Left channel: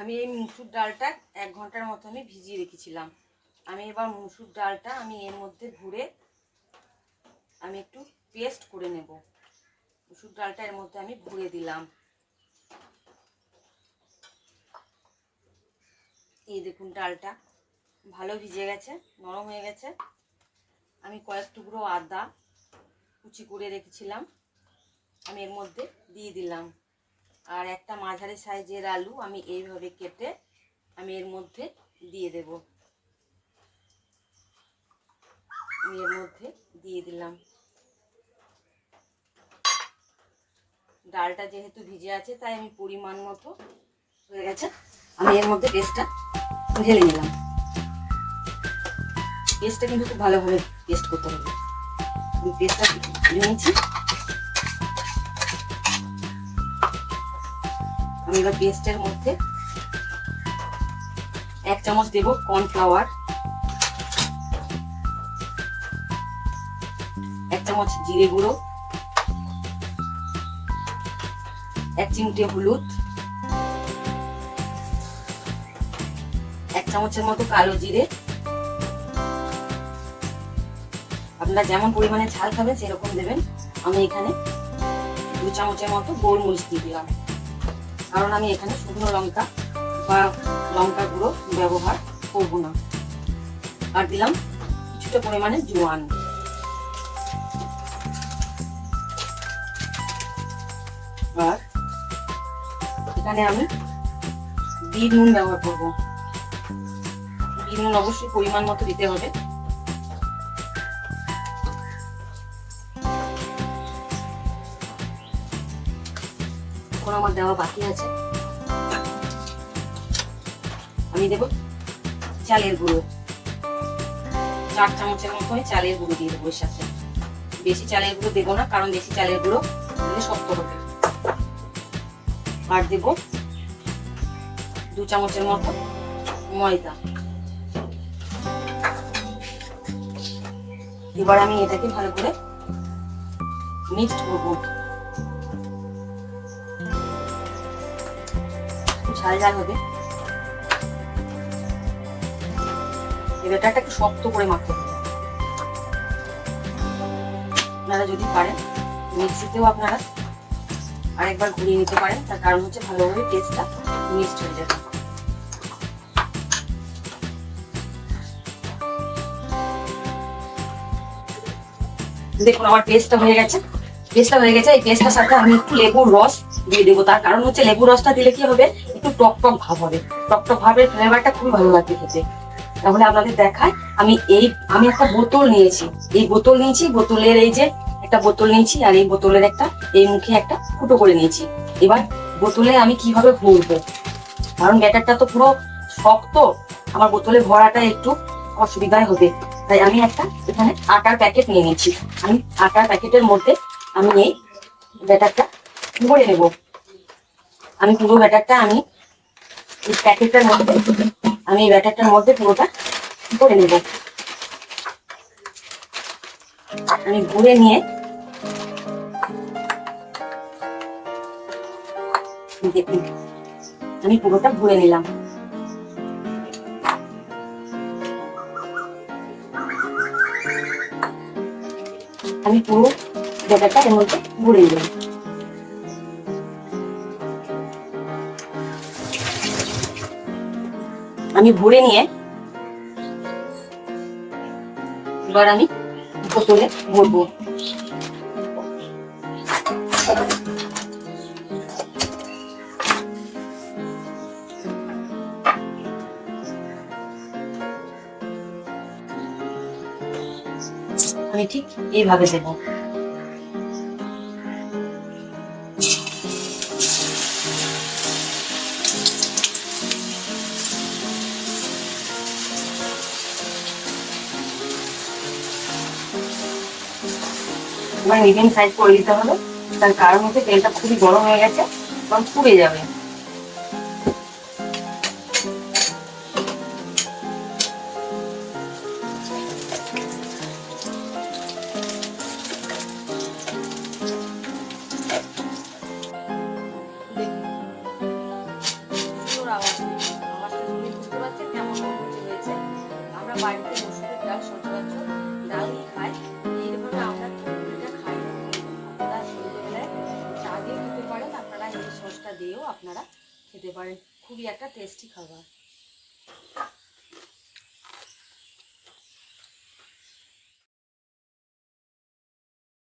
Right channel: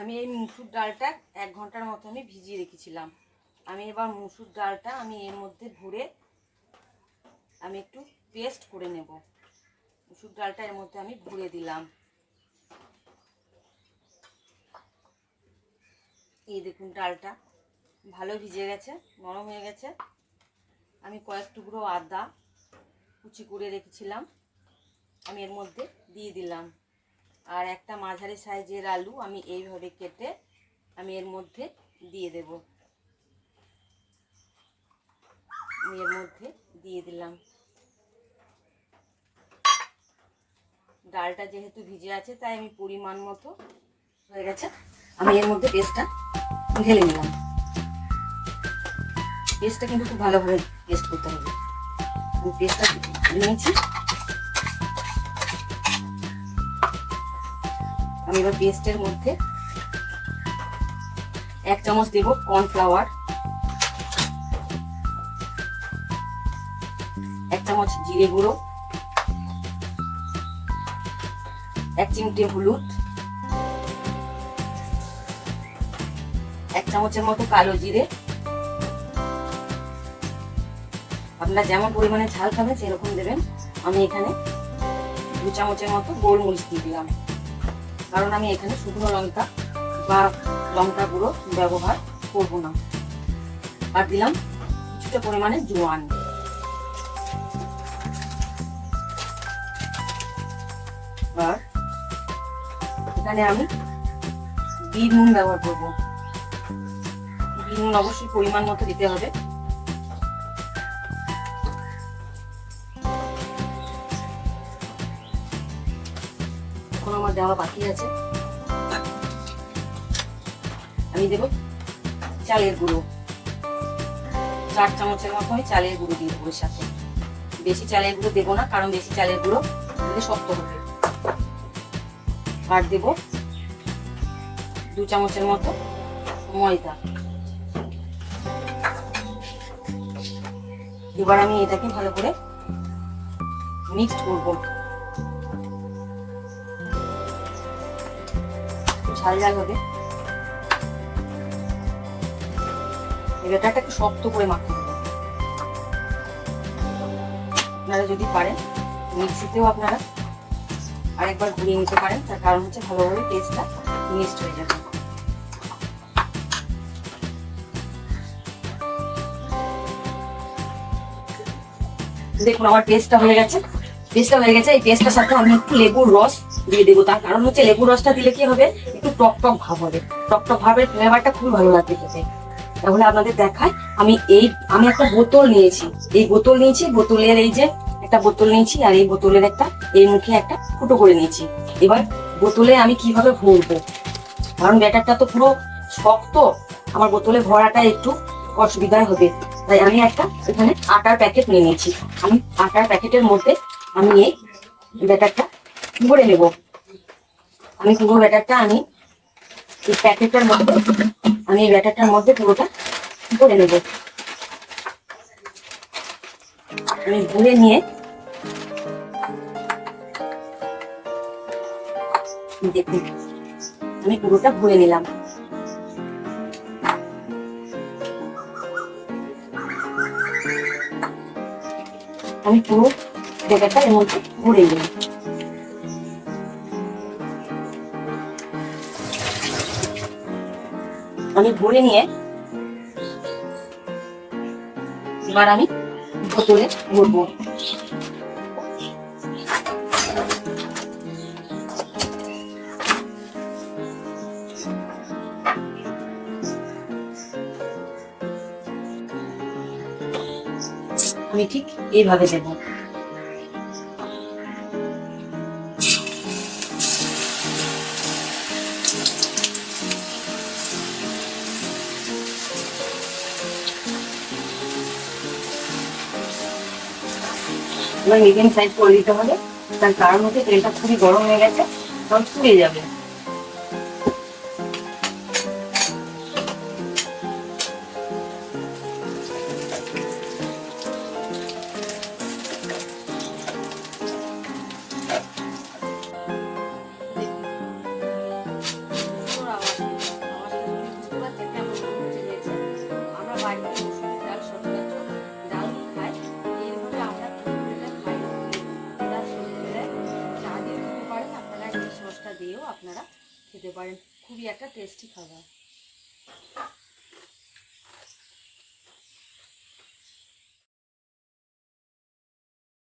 আমি এই মুসুর ডালটা 1 ঘন্টার মতো আমি ভিজিয়ে রেখেছিলাম। আমি এবার মুসুর ডালটা আমি এর মধ্যে ভরে আমি একটু পেস্ট করে নেব। মুসুর ডালটা এর মধ্যে আমি ভরে দিলাম। এই দেখুন ডালটা ভালো ভিজে গেছে, নরম হয়ে গেছে। আমি কয়েক টুকরো আদা কুচি করে রেখেছিলাম আমি এর মধ্যে দিয়ে দিলাম। আর একটা মাঝারি সাইজের আলু আমি এইভাবে কেটে আমি এর মধ্যে দিয়ে দেব। আমি এর মধ্যে দিয়ে দিলাম। ডালটা যেহেতু ভিজে আছে তাই আমি পরিমাণ মতো হয়ে গেছে, আমি এর মধ্যে পেস্টটা ঢেলে নিলাম। পেস্টটা কিন্তু খুব ভালোভাবে পেস্ট করতে হবে। আমি পেস্টটা নিয়েছি। আমি এবার পেস্টের মধ্যে 1 চামচ দেব কর্নফ্লাওয়ার, 1 চামচ জিরে গুঁড়ো, 1 চিমটে হলুদ, 1 চামচের মতো কালো জিরে। আপনারা যেমন পরিমাণে ঝাল খাবেন সেরকম দেবেন। আমি এখানে 2 চামচের মতো গোলমরিচ দিয়ে দিলাম, কারণ আমি এখানে শুকনো লঙ্কা বা লঙ্কা গুঁড়ো ব্যবহার করব না। আর দিলাম কিছুটা পরিমাণে জোয়ান। আর এখানে আমি বিট নুন ব্যবহার করব। বিট নুন অবশ্যই পরিমাণ মতো দিতে হবে। এখন আমার দেওয়া বাকি আছে। আমি দেব চালের গুঁড়ো, 4 চামচের মতো আমি চালের গুঁড়ো দিয়ে দেবো এর সাথে। বেশি চালের গুঁড়ো দেবো না, কারণ বেশি চালের গুঁড়ো শক্ত হবে। আর দেব 2 চামচের মতো ময়দা। এবার আমি এটাকে ভালো করে মিক্সড করবো। ঝাল ঝাল হবে। এটা একটু শক্ত করে মাখতে হবে। আপনারা যদি পারেন মিক্সিতেও আপনারা আরেকবার ঘুরিয়ে নিতে পারেন, তার কারণ হচ্ছে ভালোভাবে পেস্টটা মিক্সড হয়ে যাবে। দেখুন আমার পেস্টটা হয়ে গেছে। এই পেস্টটার সাথে আমি একটু লেবুর রস দিয়ে দেবো। তার কারণ হচ্ছে লেবুর রসটা দিলে কি হবে, একটু টক টক ভাব হবে। টক টক ভাবের ফ্লেভারটা খুবই ভালো লাগবে খেতে। তাহলে আপনাদের দেখায়, আমি একটা বোতল নিয়েছি। বোতলের এই যে একটা বোতল নিয়েছি, আর এই বোতলের একটা এই মুখে একটা ফুটো করে নিয়েছি। এবার বোতলে আমি কিভাবে ভরবো, কারণ ব্যাটারটা তো পুরো শক্ত, আমার বোতলে ভরাটা একটু অসুবিধায় হবে। তাই আমি একটা এখানে আটার প্যাকেট নিয়ে নিয়েছি। আমি আটার প্যাকেটের মধ্যে আমি এই ব্যাটারটা ভরে নেব। আমি পুরো ব্যাটারটা আমি এই প্যাকেটের মধ্যে আমি এই ব্যাটারটার মধ্যে পুরোটা ভরে নেব। আমি ভরে নিয়ে দেখুন আমি পুরোটা ভরে নিলাম। আমি পুরো ব্যাটারটা এর মধ্যে ভরে নিলাম। আমি ভরে নিয়ে এবার আমি বোতলে ভরবো। আমি ঠিক এইভাবে দেবো। এবার মিডিয়াম সাইজ করে দিতে হবে, তার কারণ হচ্ছে তেলটা খুবই গরম হয়ে গেছে, তখন পুড়ে যাবে। আওয়াজ আপনারা খেতে পারেন। খুবই একটা টেস্টি খাবার।